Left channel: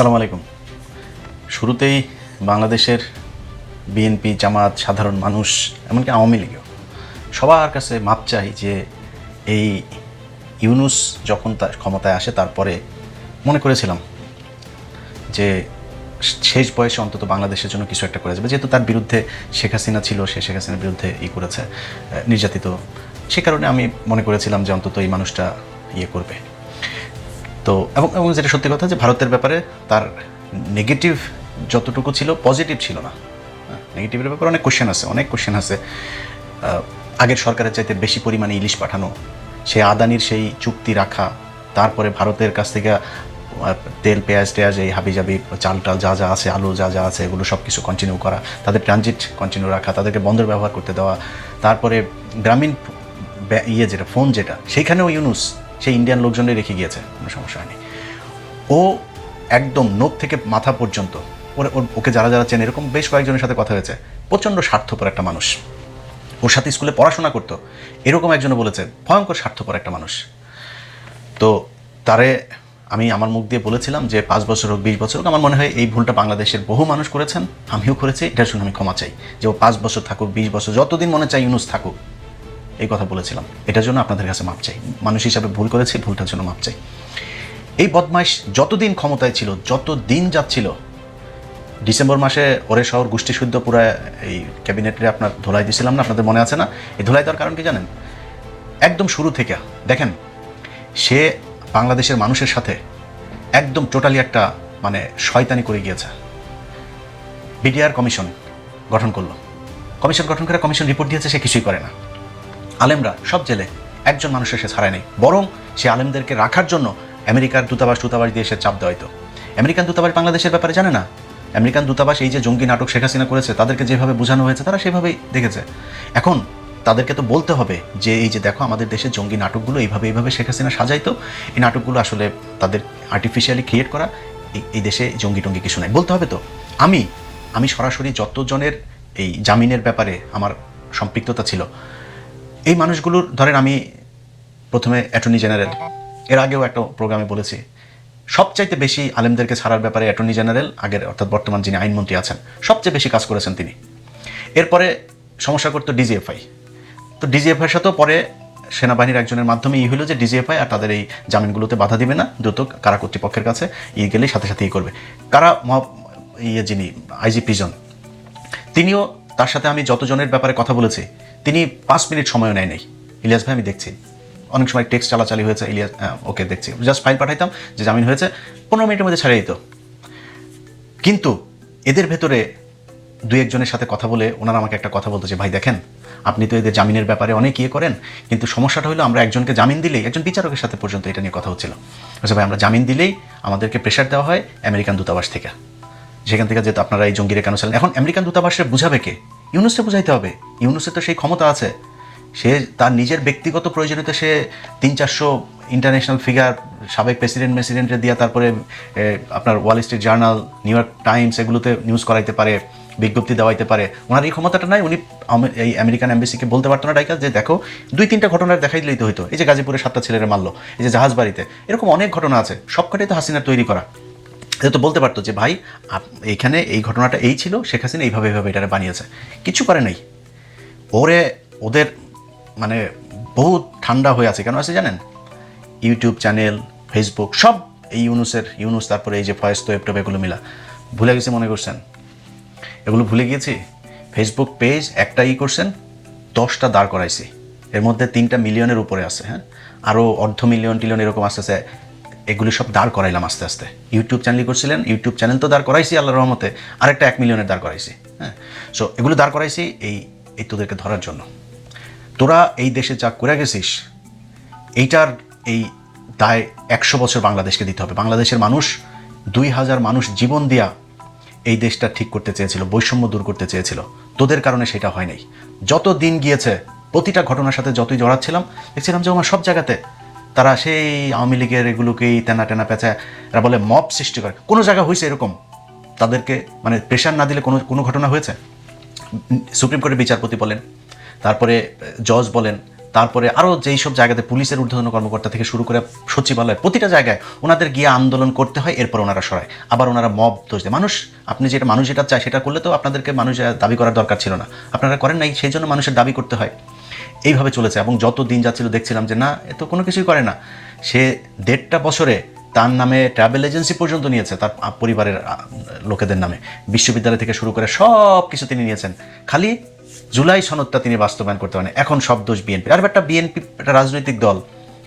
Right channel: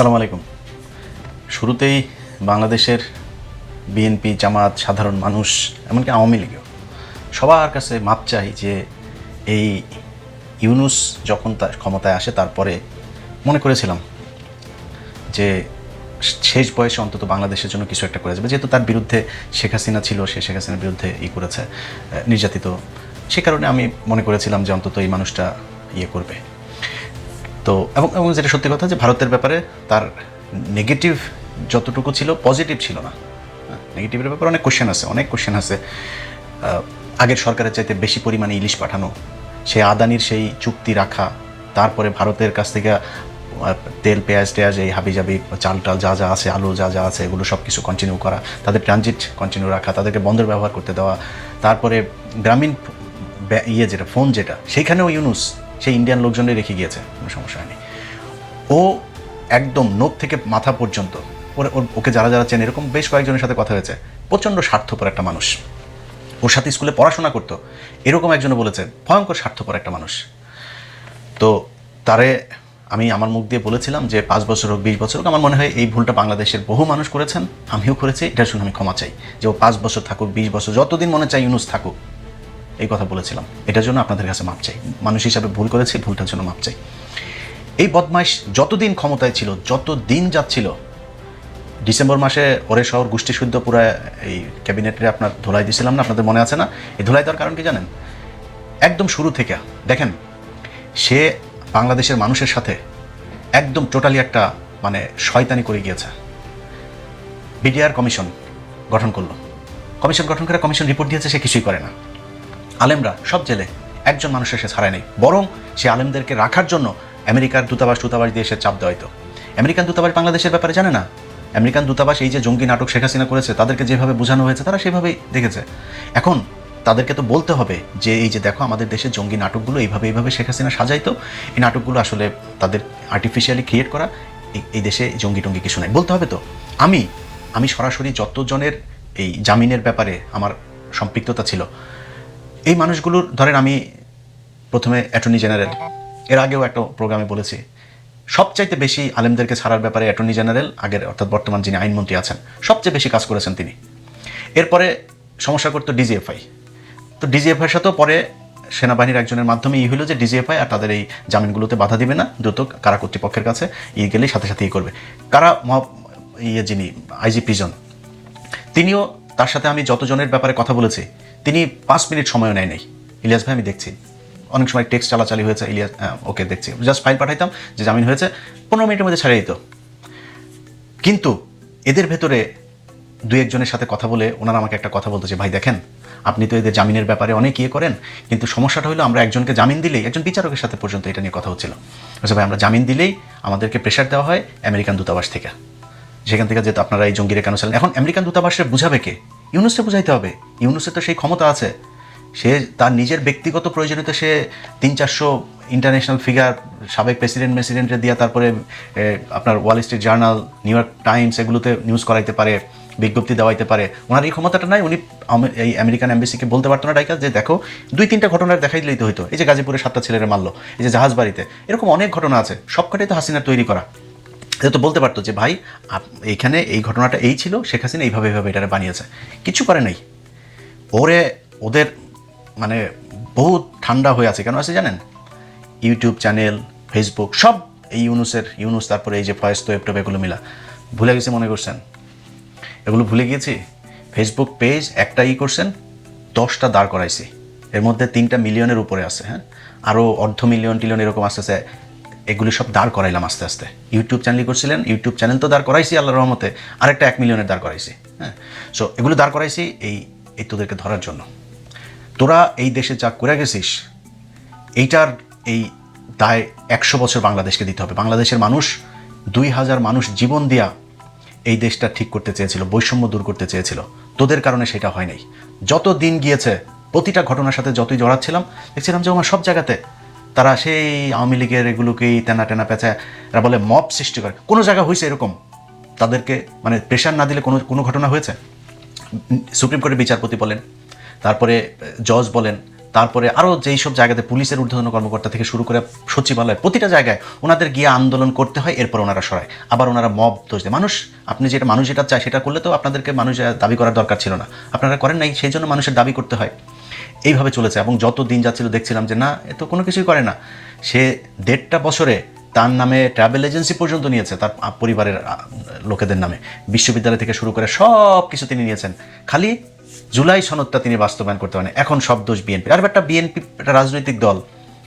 আসসালামু আলাইকুম। শুরুতেই বাংলাদেশের বিএনপি, জামাত, সাধারণ মানুষ, এমনকি আওয়ামী লীগও সবার কাছে মাপ চাই যে এই ইউনূস যখন তার ক্ষমতায় আসে তারপরে মনে করেছিলাম যে শেষ বয়সে অন্তত বাংলাদেশের জন্য কিছু একটা করে যাবে, যেহেতু তার বিরুদ্ধে শেখ হাসিনা ছিল, সে শেখ হাসিনার বিরুদ্ধে করেছে, নির্যাতিত। সে কারণে আমি মনে করেছিলাম যে অন্তত এই মানুষটা করবে। তো এবং যেটা সত্যি কথা যে ভারতের ব্যাপারে তার নেগেটিভ যতটুকু ছিল, পজিটিভ ছিল না। নেগেটিভের ব্যাপারে অনেক কোশ্চেন আছে। আগের সরকারের চাইতে বেশি পরিমাণে ইলিশ পাঠানো, সে আদানির সেই চুক্তি রাখা, তারপরে ভারতের কাছ থেকে তেল পেঁয়াজ এই হাবিজাবি চাল যা যা আছে, আলু যা যা আছে, এগুলো সব কিছু কন্টিনিউ করা, তাদের ট্রানজিট কন্টিনিউ রাখা, তাদেরকে বন্দর ব্যবহার করতে দেওয়া। তারপরে গ্রামীণ যেটা ফোন সেইখানেও ইউনূস সেই ইন্ডিয়ান লোকজনই রেখে গিয়েছে, কোনো সমস্যা হয়নি। ও একদম নখ থেকে মাথা পর্যন্ত ওকে যারা যারা চেনে, এরকম বেশ কয়েকজনের সাথে কথা হয়েছে, প্রচণ্ড স্বার্থপর একটা মানুষ। ওর সাথে স্কুলে পড়াশোনা করতো, এরকম একজনে বলেছে ভয়ঙ্কর স্বার্থপর একটা মানুষ। তো তারে আমি আমার মুখ দিয়ে বলেছিলাম যে 5 বছর হোক, 20 বছর হোক, আমার মনে হয় এই ভুলটা বাংলাদেশের বহু মানুষ করেছেন, আমিও করেছি। এটার জন্য আমি ক্ষমা চাই যে ও 5 বছর থাকুক, 20 বছর, যতদিন মনে চাই ইউনূস থাকুক, এই কথা বলেছিলাম। এটার জন্য আপনাদের কাছে মাপ চাই। মানুষ হিসাবে ভুল করেছি, ভুলটার জন্য মাপ চাই। এই বদমাইশ যতদিন ক্ষমতায় ছিল, যত দিন যাচ্ছিল, ডিসেম্বর মাসে ওরে শহর গোষ্ঠী শুদ্ধ পুরো এই ক্যাবিনেটে আপনার ধুলাই দিয়েছিলাম না, আপনাদের মনে আছে না? এই ধুলাই দেওয়ার কারণ কি জানেন? একদম শুরু থেকে দেখেন, সে বাংলাদেশের মানুষের সাথে একদম টোটালি একটা শয়তানি করে গিয়েছে। বিডিআর কমিশন গঠন করলো, কমিশন গঠন করে কমিশন রিপোর্ট দিয়েছে, সে কিছুই করে না। আলেমরা সব জেলে, একজন মানুষের সে ছাড়ায় নেই, বরং সে আলেমদেরকে রাখার জন্য আমেরিকার দূতাবাস দিয়ে সে চাপ দেওয়া হতো। আমেরিকান দূতাবাস বাংলাদেশের ব্যাপারে জানে না। আমেরিকান দূতাবাস এই যে জঙ্গি নাটক শেখ হাসিনা করেছে, তাদেরকে যেভাবে বোঝানো হয়েছে তারা সেভাবেই দেখেছে। এখন তাদেরকে তো বলতে হবে যে এই যে দেখো আমাদের দেশের জঙ্গি নাটকগুলো এইভাবে শেখ হাসিনা সাজাইতো, এই নাটকগুলো আসলে তাদের আর্টিফিশিয়ালি ক্রিয়েট করা, এই দেশে জঙ্গি টঙ্গি কিছু নাই, বলতে হবে তো। আমি সরাসরি যতজনের এই জামিনের ব্যাপারে আমার সম্পৃক্ততা ছিল, এই মানুষগুলোর ধরেন, আমি প্রথমে অ্যাটর্নি জেনারেল, এর আগেও একটা প্রোগ্রামে বলেছি, সবচাইতে বেশি আলেমদেরকে ছাড়ার ব্যাপারে অ্যাটর্নি জেনারেল আগের অর্থাৎ বর্তমান যিনি আইনমন্ত্রী আছেন, সবচেয়ে বেশি কাজ করেছেন তিনি। এরপরে সমস্যা করতো ডিজিএফআই। তো ডিজিএফআইয়ের সাথেও পরে সেনাবাহিনীর একজনের মাধ্যমে হলো যে ডিজিএফআই আর তাদের এই জামিনগুলোতে বাধা দিবে না, দ্রুত কারা কর্তৃপক্ষের কাছে গেলেই সাথে সাথে করবে। কারা যিনি আইজি প্রিজন, তিনিও, তার সাথে আমি যতজনের ব্যাপারে কথা বলেছি, তিনি 5 মিনিট সময় নেয় নাই। ইলিয়াস ভাই আমি দেখছি, অনেক সময় টেক্সট চালাচালি হয়েছে, ইলিয়াস ওকে দেখছি, জাস্ট ফাইল পাঠাইতাম যে জামিন হয়েছে, 15 মিনিটের মধ্যে ছেড়ে দিত। কিন্তু এদের ভেতরে 2-1 জনের সাথে কথা বলে ওনারা আমাকে একটা কথা বলতো যে ভাই দেখেন, আপনি তো এদের জামিনের ব্যাপারে অনেক করেন, কিন্তু সমস্যাটা হলো আমরা একজনকে জামিন দিলেই, একজন বিচারকের সাথে পর্যন্ত এটা নিয়ে কথা হচ্ছিল, ভাই আমরা জামিন দিলেই আমাদেরকে প্রেশার দেওয়া হয় আমেরিকান দূতাবাস থেকে, সেখান থেকে যেহেতু আপনারা এই জঙ্গিরে কেন চালেন। এখন আমেরিকান দূতাবাসে বুঝাবে কে? ইউনূসকে বুঝাইতে হবে। ইউনূসের তো সেই ক্ষমতা আছে, সে তার নিজের ব্যক্তিগত প্রয়োজনীয়তা সে 300-400 ইন্টারন্যাশনাল ফিগার, সাবেক প্রেসিডেন্টে দিয়া, তারপরে আপনার Wall Street journal, new York Times, এগুলোতে নিউজ করাইতে পারে, বিজ্ঞপ্তি দেওয়াইতে পারে। ওনার এই ক্ষমতাটা নাই। উনি এই আমেরিকান এম্বাসিকে বলতে পারতো না ডাইকা যে দেখো 2-3টা ঘটনার দেখাই দিলেই তো হইতো, এই যে গাজীপুরে 7টা ছেলেরা মারলো, এই যে জাহাজ বাড়িতে, এরকম অনেক ঘটনা আছে, সবকটাই তো হাসিনার তৈরি করা। তো বলতে পারতো যে ভাই এইখানে এই ঘটনাটা এই ছিল, শেখ হাসিনা এইভাবে এটারে বানিয়েছে, কিছু করে নাই। ওদের বহুত ঠান্ডা হয়ে আছে। কেন আছে জানেন? ইউটিউব চ্যানেল, ফেসবুক, সব এই ইউনূস, তারপরে এই যে ফয়েজ তোয়েব এগুলো মিলা ভুলে গেছে, মনে করছেন এগুলো ভুলে গিয়েছে। ফেসবুক পেজ একটা করছেন, 10টা দাঁড় করাইছে, এর মধ্যে 3টা মিলিয়নের উপরে আছে, হ্যাঁ, আরও $500 মিলিয়ন এরকম আসতেছে, এগুলি সব দাঁড় করাইলাম আস্তে আস্তে। ইউটিউব চ্যানেল করছিলেন, ইউটিউব চ্যানেল তো দাঁড় করাইছি আল্লাহর রহমতে, আরেকটা 1 মিলিয়নের দাঁড় করাইছি, হ্যাঁ। সো এগুলো দাঁড় করাইছি এই তোদেরকে ধরার জন্য। তোরা এই দেশে যা করে গেছিস, এইটার এই দায় 100 বছর বাংলাদেশকে দিতে হবে। বাংলাদেশের মানুষ 2000 মানুষ জীবন দিয়া এই দেশটা ঠিক করতে চেয়েছিল, বৈষম্য দূর করতে চেয়েছিল, তোদের কারণে সেটা হয় নাই। যত দিন গিয়েছে, প্রতিটা ঘটনার সাথে যতই জড়াচ্ছিলাম, দেখছিলাম যে আমার সব জায়গাতে তারা সেই আওয়ামী লীগের এগুলোকেই টেনা পেঁচা, এরা বলে মব সৃষ্টি করে। কোনো জায়গা হয়েছে এরকম তাদেরকে প্রেশার না দিলে কোনো ঘটনা হয়েছে? সুপ্রিম কোর্টের বিচারপতি বলেন, তারপরে জজ বলেন, তারপরে আরও যেই সব জায়গাতে পুলিশের ঊর্ধ্বতন কর্মকর্তা থেকে শুরু করে সচিবালয় প্রতিটা জায়গায় ওনাদের গিয়ে আন্দোলন করতে হয়, এরপর ওনারা সরায়, আবার ওনারা মব দোষ দেয়। মানুষ যেটা চায় সেটা করলে তো আপনাদেরকে মানুষ দাবি করার দরকার ছিল না, আপনারা করেন নাই, সেই জন্য মানুষের দাবি করতে হয়। এইভাবে চলেছে এবং যত দিন যাচ্ছিল দেখছিলাম যে না, এ তো কোনো কিছুই করে না। সে 1.5 বছরে তার নামে ট্রাভেল এজেন্সি পর্যন্ত নিয়েছে, তার পরিবারের লোকেদের নামে, বিশ্ববিদ্যালয় থেকে শুরু করে সব কিছু তিনি নিয়েছেন, খালি জুলাই সনদটা তিনি বাস্তবায়ন করতে পারেন। এখন সব দোষ বিএনপি। আর একটা বিএনপি একটা রাজনৈতিক দল,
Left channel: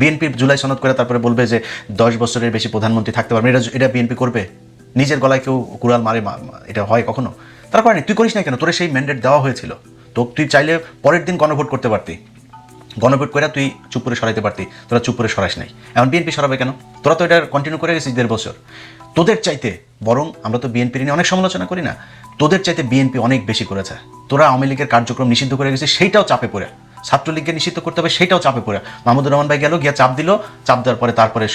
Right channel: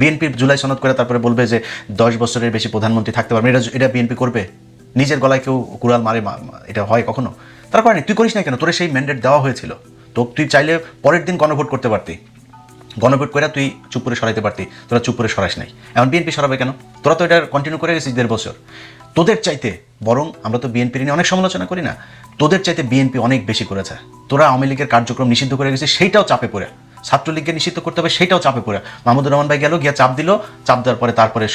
বিএনপি জুলাই সনদ করে তারপরে বলবে যে 10 বছরের বেশি প্রধানমন্ত্রী থাকতে পারবে, এটা বিএনপি করবে? নিজের গলায় কেউ কুড়াল মারে, এটা হয় কখনো? তারা করেনি। তুই করিস না কেন? তোর সেই ম্যান্ডেট দেওয়া হয়েছিল, তো তুই চাইলে পরের দিন গণভোট করতে পারতি, গণভোট করে তুই চুপ করে সরাইতে পারতি, তোরা চুপ করে সরাস নাই। এখন বিএনপি সরাবে কেন? তোরা তো এটা কন্টিনিউ করে গেছিস 1.5 বছর। তোদের চাইতে বরং আমরা তো বিএনপির নিয়ে অনেক সমালোচনা করি না, তোদের চাইতে বিএনপি অনেক বেশি করেছে। তোরা আওয়ামী লীগের কার্যক্রম নিষিদ্ধ করে গেছিস, সেইটাও চাপে পড়ে। ছাত্রলীগকে নিষিদ্ধ করতে হবে, সেইটাও চাপে পড়ে। মাহমুদুর রহমান ভাই গেল, গিয়া চাপ দিল, চাপ দেওয়ার পরে তারপরে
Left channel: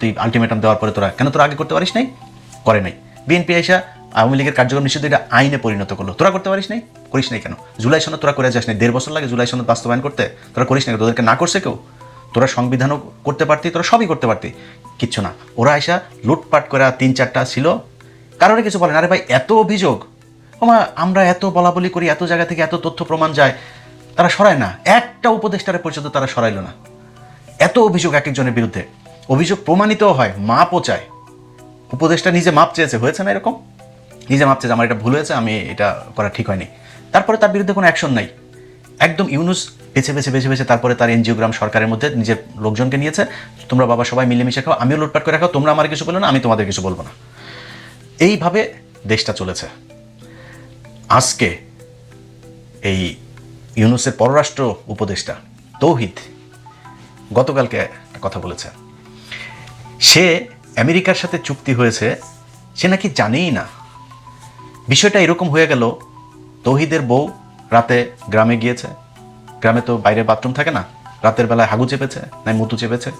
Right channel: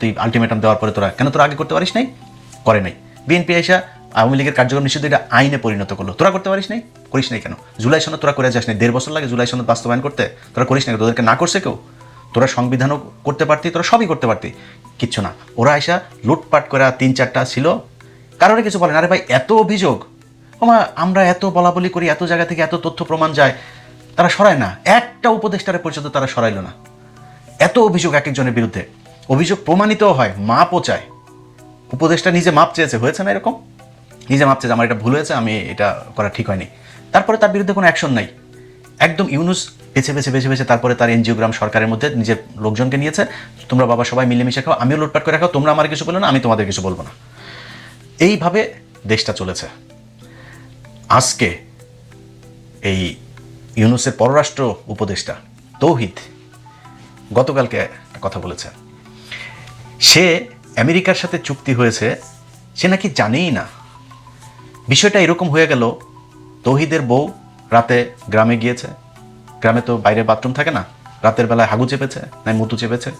তুই আলটিমেটাম দেওয়ার পরে তোরা আগে করতে পারিস নাই? করে নাই। বিএনপি এসে আওয়ামী লীগের কার্যক্রম নিষিদ্ধ এটা আইনে পরিণত করলো, তোরা করতে পারিস নাই? করিস নাই কেন? জুলাই সনদ তোরা করে যাস নাই? 1.5 বছর লাগে জুলাই সনদ বাস্তবায়ন করতে, তোরা করিস নাই? তোদেরকে না করছে কেউ? তোরা সংবিধানও করতে পারতি, তোরা সবই করতে পারতি, কিচ্ছু না। ওরা এসা লুটপাট করে 3-4টা ছিল, কারোরই কিছু বলে না। আরে ভাই, এত অভিযোগ না, আমরা এত বলাবলি করি, এত জায়গা থেকে এত তথ্য প্রমাণ যায়, তারা সরায় না। একটা উপদেষ্টার পর্যন্ত তারা সরাইলো না। এত অভিযোগ এক একজনের বিরুদ্ধে, অভিযোগ প্রমাণিত হয়, মাপও চায়। উপদেষ্টা নিজে মাপ চেয়েছে, হয়েছে না এরকম? নিজে মাপ চেয়েছে, আমার এটা ভুল হয়েছে, আমি এটা করা ঠিক হয়নি, তারপরে তার বিরুদ্ধে কোনো অ্যাকশন নাই। একদম ইউনুস বেছে বেছে তারপরে তার এনজিওগ্রাম সরকারের মধ্যে নিজের লোকজনকে নিয়েছে, তোমরা বাবা সবাই মিলেমিশে খাও, আমিও লুটপাট করে রাখো, তোমরা আমার কিছু বলো না, আমি তোমাদের কিছু বলবো না। এইভাবে দেশটা চলেছে। আজকে এই ইউনুসের পররাষ্ট্র উপদেষ্টা তৌহিদ গতকালকে কথা বলেছে, সে আমেরিকার সাথে চুক্তি হয়েছে, সে নাকি জানেই না। বিষয়টা এরকম হয়ে গেল, তৌহিদের বউ রাতে গ্রামে গিয়েছে, গ্রামে তো বাইরে বাথরুম থাকে না, রাতের বেলায় হাগু চেপেছে, নাই মুতু চেপেছে,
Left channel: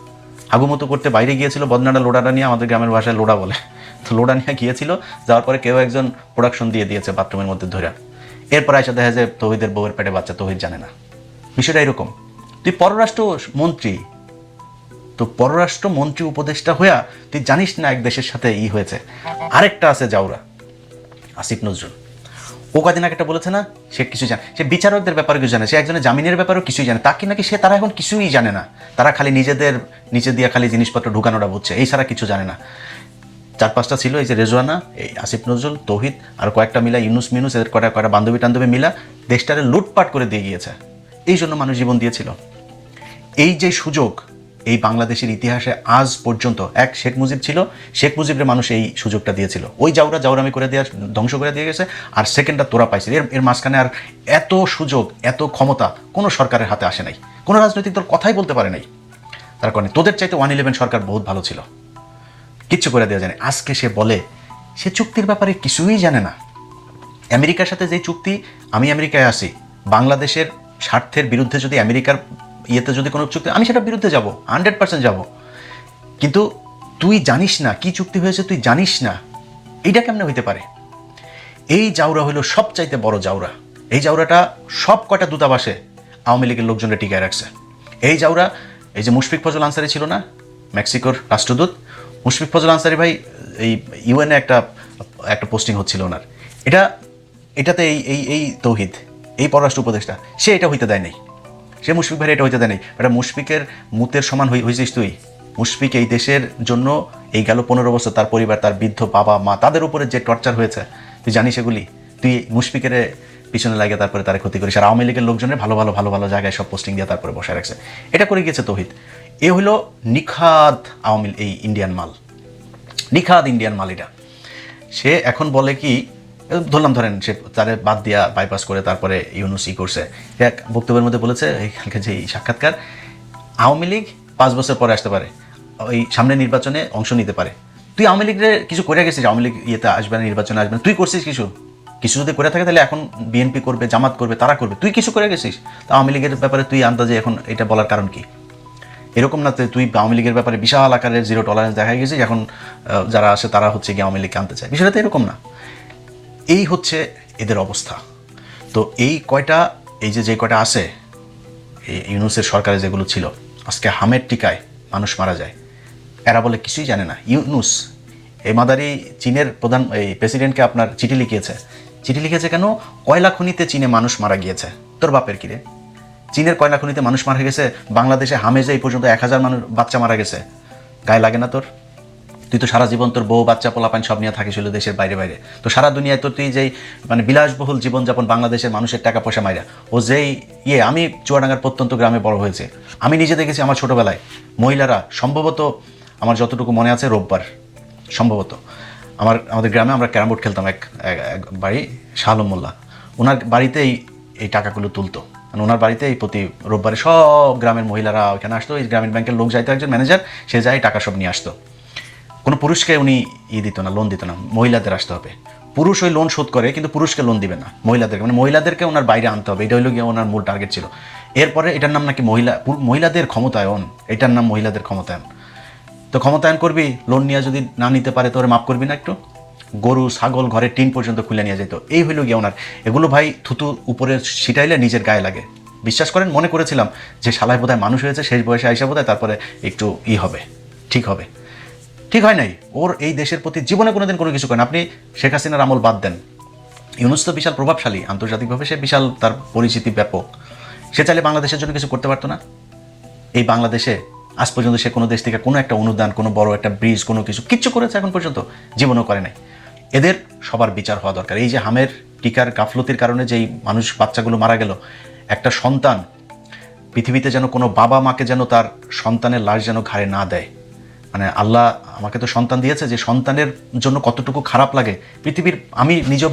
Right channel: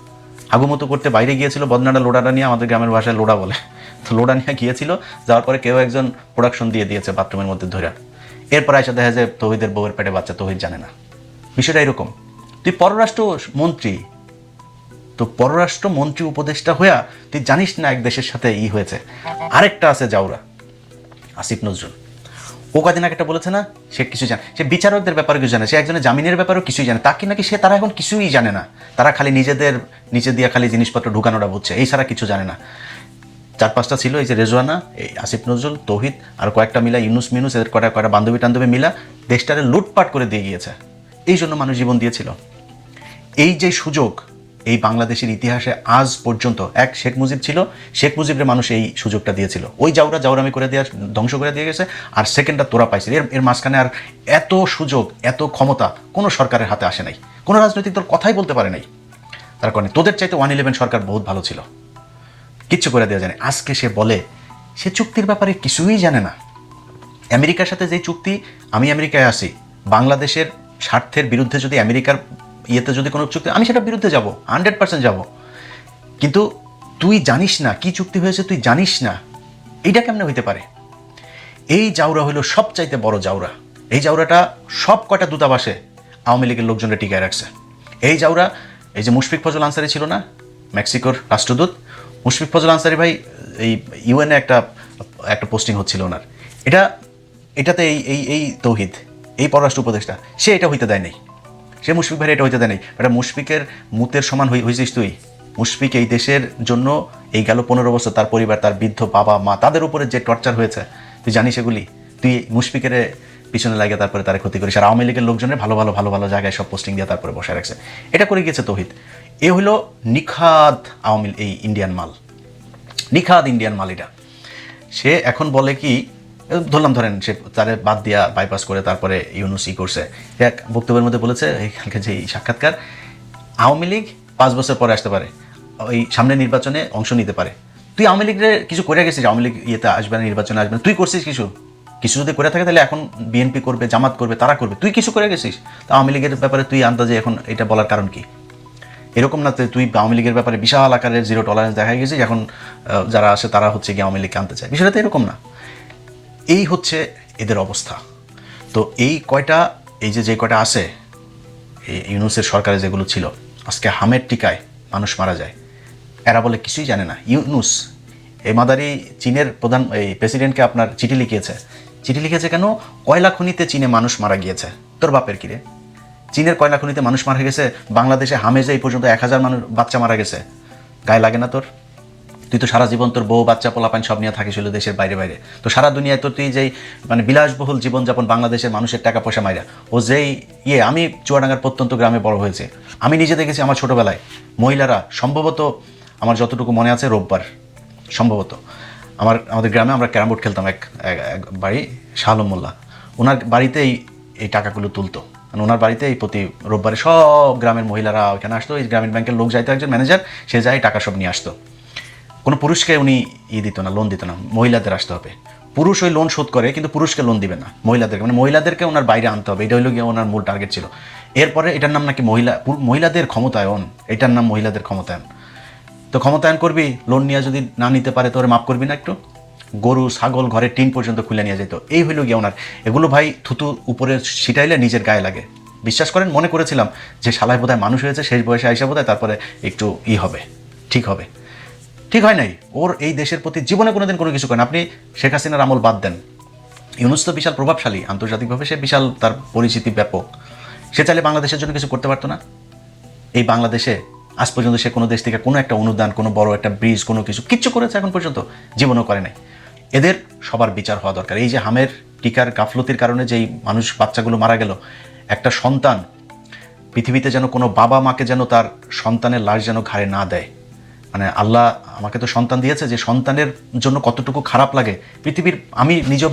হাগু মতো করতে বাইরে গিয়েছিল, বদনাটা লোডাটা নিয়ে, আমাদের গ্রামের ভাষায় লোডা বলে, তো লোডা নিয়ে গিয়েছিল, যাওয়ার পরে কেউ একজন প্রোডাকশন দিয়ে দিয়েছে বাথরুমের মধ্যে ধরে। এরপর এসে দেখা যায় তৌহিদের বউয়ের পেটে বাচ্চা, তৌহিদ জানে না। বিষয়টা এরকম, তুই পররাষ্ট্র মন্ত্রী, তো পররাষ্ট্র মন্ত্রী উপদেষ্টা হইয়া তুই জানিস না এক দেশের সাথে হয়েছে। আরেকটা আছে জাউরা, আসিফ নজরুল, ও কদিন আগে একটা বলেছে না, সে কিছু জানে, সে বিচারকদের ব্যাপারে কিছু জানে, সে একজনের জামিনের ব্যাপারেও কিছুই জানে, তাকে নাকি তারা এখন কিছুই জানে না, তারা খালি নিজেদের নিচে দিয়ে খালি জিনিসপত্র ঢুকানোটা বুঝছে, এই ছাড়া কিছু জানে না। 4-5টা ছিল, এই যে রেজওয়ানা, এই আসিফ নজরুল, তৌহিদ, আর কয়েকটা মিলা ইউনুস মিনুস, এদের কয়েকটা বান্ধবী টান্ধবী মিলা দেশটারে লুটপাট করে দিয়ে গিয়েছে। এই জন্য মানুষ জীবন দিয়েছিল। এই যে সুযোগ এই বাংলাদেশের ইতিহাসে আজ পর্যন্ত, এক শেখ মুজিব ছিল, শেখ মুজিবের মানুষ এই সুযোগটা দিয়েছিল, ওই জাউরামি করে দেওয়া, ধ্বংস করে দিয়ে গেছে, আর সেকেন্ডটা তোরা পাইছিল। এর মাঝখানে আর এত সুযোগ, এত ক্ষমতা কোনো সরকারের হাতে আসে নাই, কোনো রাজনৈতিক দল কথাই বলতে পারে নাই। তার কারণে তোদের চাইতে 111 সরকার বহুত ভালো ছিল, কিচ্ছু করে দেওয়া জানে। আজকে সে বলে সে চুক্তির ব্যাপারে কিছুই জানে না। আমেরিকার সাথে যে চুক্তি, আমি আমেরিকায় আসি, বাংলাদেশের স্বার্থের বিরুদ্ধে যদি আমেরিকার ইয়েতে যদি কোনো চুক্তি, আমি সেটার বিরুদ্ধে যাব, 100% যাব, কিন্তু তুই জানিস না কি চুক্তি হয়েছে, তুই জানিস না, এটা কেমনে হইতে পারে? এই জাউরা হলো সবচাইতে বড় জাউরা। এই জাউরাটা সব কটা দূতাবাসে আওয়ামী লীগের লোকজনে টিকে রাখছে। এই জাউরা, এই যে মুশফিক ফজল আনসারি ছিল না, মেক্সিকোর রাষ্ট্রদূত, মুশফিক ফজল আনসারি ভাই এই ইউএনএ একটা পোস্টিং হচ্ছিল ওনার, এটাতে এই তৌহিদ, এই পররাষ্ট্র উপদেষ্টা, সে এটা হইতে দেয়নি, সে মুশফিক ভাই এটা হইতে দেয়নি। মুশফিকের মতের সমান হয়েছিস তুই। মুশফিক এই দেশের জন্য এই গেল 15 বছর, তার পরিবার, তার বৃদ্ধ বাবা মা, তাদের উপরে যে টর্চার হয়েছে তুই জানিস এগুলি? তুই মুশফিকের পিছনে লাগে তারপরে তার ক্ষতি করিস, আর আওয়ামী লীগের লোকজনের ভালো ভালো জায়গায় সব পোস্টিং দিয়ে তারপরে বসায় রাখছে। এটা করে গিয়েছে তৌহিদ। এ হলো নিখাদ আওয়ামী এই ইন্ডিয়ান মাল, নিখাদ ইন্ডিয়ান মাল এটা। সে এখন বলে কি, ধরেন সে তাদের বাদ দিয়া বাইপাস করে তারপরে ইউনুস করছে, এক বক্তব্যের মধ্যে বলেছে, এখানকার যে সাক্ষাৎকার, আওয়ামী লীগ 5 বছর পরে আসতে পারে, ওই সামনে নির্বাচনে অংশ নিতে পারে। তুই আওয়ামী লীগের কিছু করে গেছিস, আওয়ামী লীগ ইয়েতে আসবে না, নির্বাচনে আসবে না, তুই করছিস কিছু যদি করে থাকে তাহলে এখন বিএনপি করবে, জামাত করবে, তারা করবে, তুই কিছু করে গেছিস? তা আওয়ামী লীগের ব্যাপারে তুই আন্দাজে এখন এটা বলার কারণ কি? এরকম না তুই আওয়ামী লীগের ব্যাপারে বিশাল আকারের জিরো টলারেন্স দেখা গেছিস, এখন যারা আসে তারা হচ্ছে গিয়ে আওয়ামী লীগকে আনতে চায়। বিষয়টা তো এরকম না। এই হচ্ছে এদের অবস্থা। তো এই যে কয়টা আছে, এই ইউনূসের সরকারে যেগুলো ছিল, আজকে হামের টিকায় মানুষ মারা যায়, এরা বলে কিছুই জানে না। ইউনূস এই মাদারি চীনের প্রধান এই প্রেসিডেন্টকে আপনার চিঠি লিখেছে কেন? কয়লা খনিতে চীনে মানুষ মারা গিয়েছে। তোর বাপের কিরে? চীনের কয়লা খনিতে মানুষ মারা গেছে, বাংলাদেশে হামেজে এই পর্যন্ত 1000 মানুষ বাচ্চা মারা গেছে। গায়ে লাগে না তোর? তুই তো সারা জীবন তোর বউ বাচ্চা পোলাপান সব নিয়ে থাকিস দেশের বাইরে বাইরে। তো সারা দুনিয়ায় তো তুই যেই মানে বিলাসবহুল জীবনযাপন, বাংলাদেশের মানুষের টাকা পয়সা মাইরা ও যেই আমি চুয়াডাঙ্গার প্রত্যন্ত গ্রামে বড় হয়েছে, আমি নিজে দেখেছি আমার ছোটবেলায় মহিলারা সম্ভবত, আমার যতটুকু মনে আছে রোববার সম্ভবত আমাদের গ্রামে আমরা ক্যারাম বোর্ড খেলতাম, এক বাড়ি শাহ আলম মোল্লা, ওনার বাড়িতেই এই টাকাগুলো তুলতো। মানে ওনার বাড়িতে এই প্রতি রোববারে সব গ্রামের মহিলারা ওইখানে আসতো, এই গ্রামীণ ব্যাংকের লোক যাইতো, একজন ম্যানেজার, সে যায় টাকা সব নিয়ে আসতো। কোনো পুরুষকে উনি দিত না, লোন দিত না, মহিলাদের আসতে হবে। পুরুষ ওই লোন শোধ করে, কিন্তু পুরুষকে লোন দিবে না, মহিলাদেরকে, মানে মহিলাদেরকে ওনার বাইরে আনতে হবে। এটা হইল গিয়ে ওনার মূল টার্গেট ছিল। এরপরে এটার নাম নাকি মহিলাদের ক্ষমতায়ন, এটার নাম মহিলাদের ক্ষমতায়ন। তো ক্ষমতায়ন করবি, লোন নিয়ে যদি না নিতে পারে তোরে মাফ করবি না একটু? গরু ছাগল ঘরের টিন পর্যন্ত খুলে নিয়ে যেত। এই হইল গিয়ে ওনার। এগুলো ভাই থুতু উপরে ছিটাইলে নিজের গায়ে লাগে। বিশ্বাস করেন, মনে করেছিলাম যে শালায় বোধহয় মানুষ হয়েছে, শেষ বয়সে আইসা বোধহয় তারপরে একটু হবে, ঠিক হবে। ঠিক হয় নাই। ওর এই দেশের প্রতি জীবনে কোনোদিন কোনো কিছু করেন। আপনি শেখ হাসিনার আমল বাদ দেন, ইউনূস তো বিশাল প্রভাবশালী, আন্তর্জাতিকভাবে সে বিশাল, তার পরিচিতি ব্যাপক। সে চাইলে বাংলাদেশের জন্য কিছু করতে পারতো না? এই বাংলাদেশে আজ পর্যন্ত সে কোনো দেশ থেকে কোনো একটা অনুদান, কোনো বড় একটা ব্রিজ, কোনো কিচ্ছু করেছে এখন পর্যন্ত? জীবনও করে নাই। এদের সবার বিচার হওয়া দরকার। এই যে হামের টিকার গাফলতির কারণে যেই মানুষ বাচ্চাগুলো মারা গেল, একটা সন্তান পৃথিবীতে যেন কোনো বাবা মাকে যেন তার সন্তানের লাশ যেন ঘাড়ে না দেয়। মানে আল্লাহ আমাকে তো সন্তান দিয়েছে, যে সন্তানের জন্য কতটুকু খারাপ লাগে পৃথিবীর। আমি নিজেও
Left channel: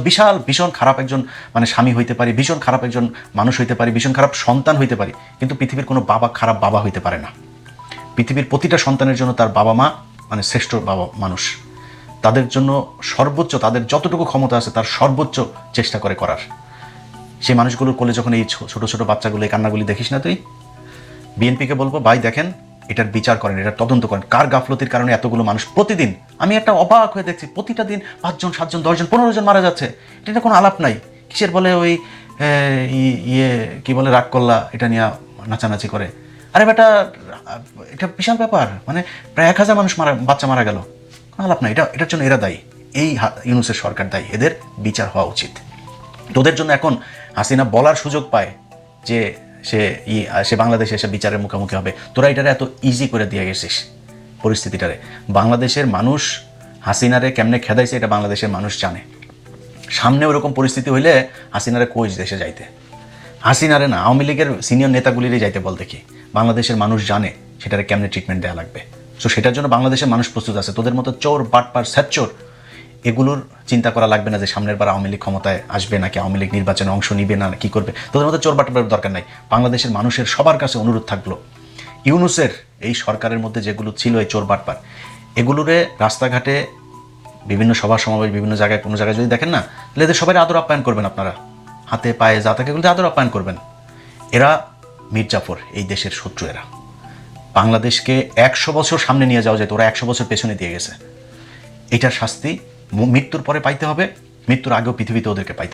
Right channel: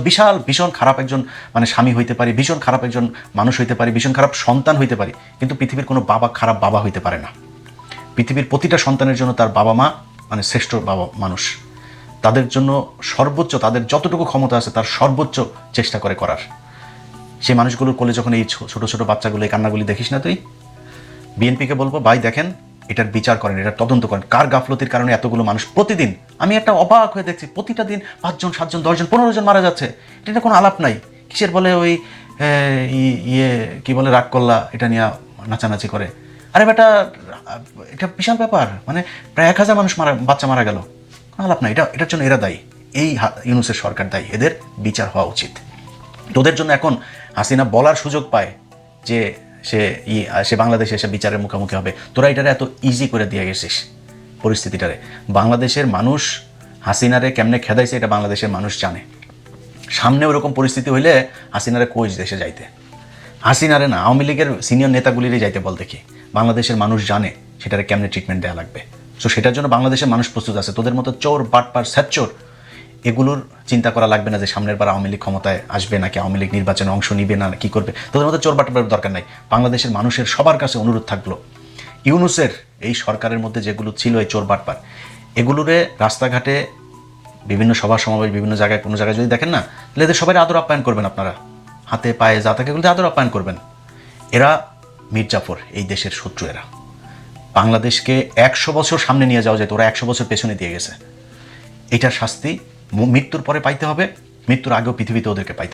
ভীষণ খারাপ একজন মানে স্বামী হইতে পারি, ভীষণ খারাপ একজন মানুষ হইতে পারি, ভীষণ খারাপ সন্তান হইতে পারি, কিন্তু পৃথিবীর কোনো বাবা খারাপ বাবা হইতে পারে না। পৃথিবীর প্রতিটা সন্তানের জন্য তার বাবা মা মানে শ্রেষ্ঠ বাবা মানুষ। তাদের জন্য সর্বোচ্চ, তাদের যতটুকু ক্ষমতা আছে তার সর্বোচ্চ চেষ্টা করে করার। সেই মানুষগুলো কোলে যখন এই ছোট ছোট বাচ্চাগুলো এই কান্নাগুলি দেখিস না তুই, বিএনপিকে বলবো ভাই দেখেন, এটার বিচার করেন, এটা তদন্ত করেন, কার গাফলতির কারণে এতগুলো মানুষ প্রতিদিন, আমি একটা অবাক হয়ে দেখছি, প্রতিটা দিন 5 জন 7 জন 10 জন 15 জন মারা যাচ্ছে। এটা কোনো আলাপ নাই। কিসের বলে ওই কি বলে রাগ করলা, এটা নিয়ে নাচানাচি করে। আরে বেটা, এটা বিশাল ব্যাপার। মানে প্রায় 1000 মানুষ বাচ্চা মারা গেল, আলাপ নাই। এটার জন্য এরা দায়ী, এই ইউনূসের সরকার দায়ী। এদের বিচার হওয়া উচিত। তোদের জন্য এখন হাসিনা বলার সুযোগ পায় যে সে বাংলাদেশে এসে বিচারের মুখোমুখি হবে। তোরা এটারে এত ইজি করে দিয়ে গেছিস পরিস্থিতিটারে। বাংলাদেশের মানুষ হাসিনারে কেমনে খেদাইছে এটা বাংলাদেশের মানুষ জানে। সামনে ওরকম পরিস্থিতি হইলে হাসিনারে কোচ দেশে যাইতে, হাসিনারে না, আওয়ামী লীগের সিনিয়র নেতাগুলিরই যাইতে বল দেখি। বাংলাদেশের মানুষ জানে সেটারে কেমনে ট্রিটমেন্ট দেওয়া লাগবে। তো সেটার জন্য বাংলাদেশের মানুষ প্রস্তুত আছে। তোদের মতো চোর বাটপার স্যাচ্চোর এগুলোর চিন্তা করা লাগবে না যে সামনের বার আওয়ামী লীগ ক্ষমতায় আসবে নাকি আওয়ামী লীগ নির্বাচনে অংশ নিবে না, কি করবে। তোদের মতো চোর বাটপার দরকার নাই। বাংলাদেশের মানুষের সবার কাছে অনুরোধ থাকলো, ইউনূসের এই সরকারের মধ্যে যেগুলো ছিল এই চোর বাটপার, এগুলোরে রাস্তাঘাটে বিভিন্ন সভা সমাবেশ বিভিন্ন জায়গায় কোনো জায়গায় যদি দেখেন না, তাহলে এদের সবাই আদর আপ্যায়ন করবেন। আপনারা হাতে পায়ে যা থাকে এগুলোতে আদর আপ্যায়ন করবেন। এরা মির্জাফর, এই দেশের শত্রু। এরা বাংলাদেশকে 100 বছর সামনে নিয়ে যাওয়া যেত, ওরা 100 বছর পেছনে দিয়ে গেছে। এটা শাস্তি মৃত্যুর পরে পাইতে হবে, মৃত্যুর আগেও পৃথিবীতে ওদেরকে পাইতে হবে।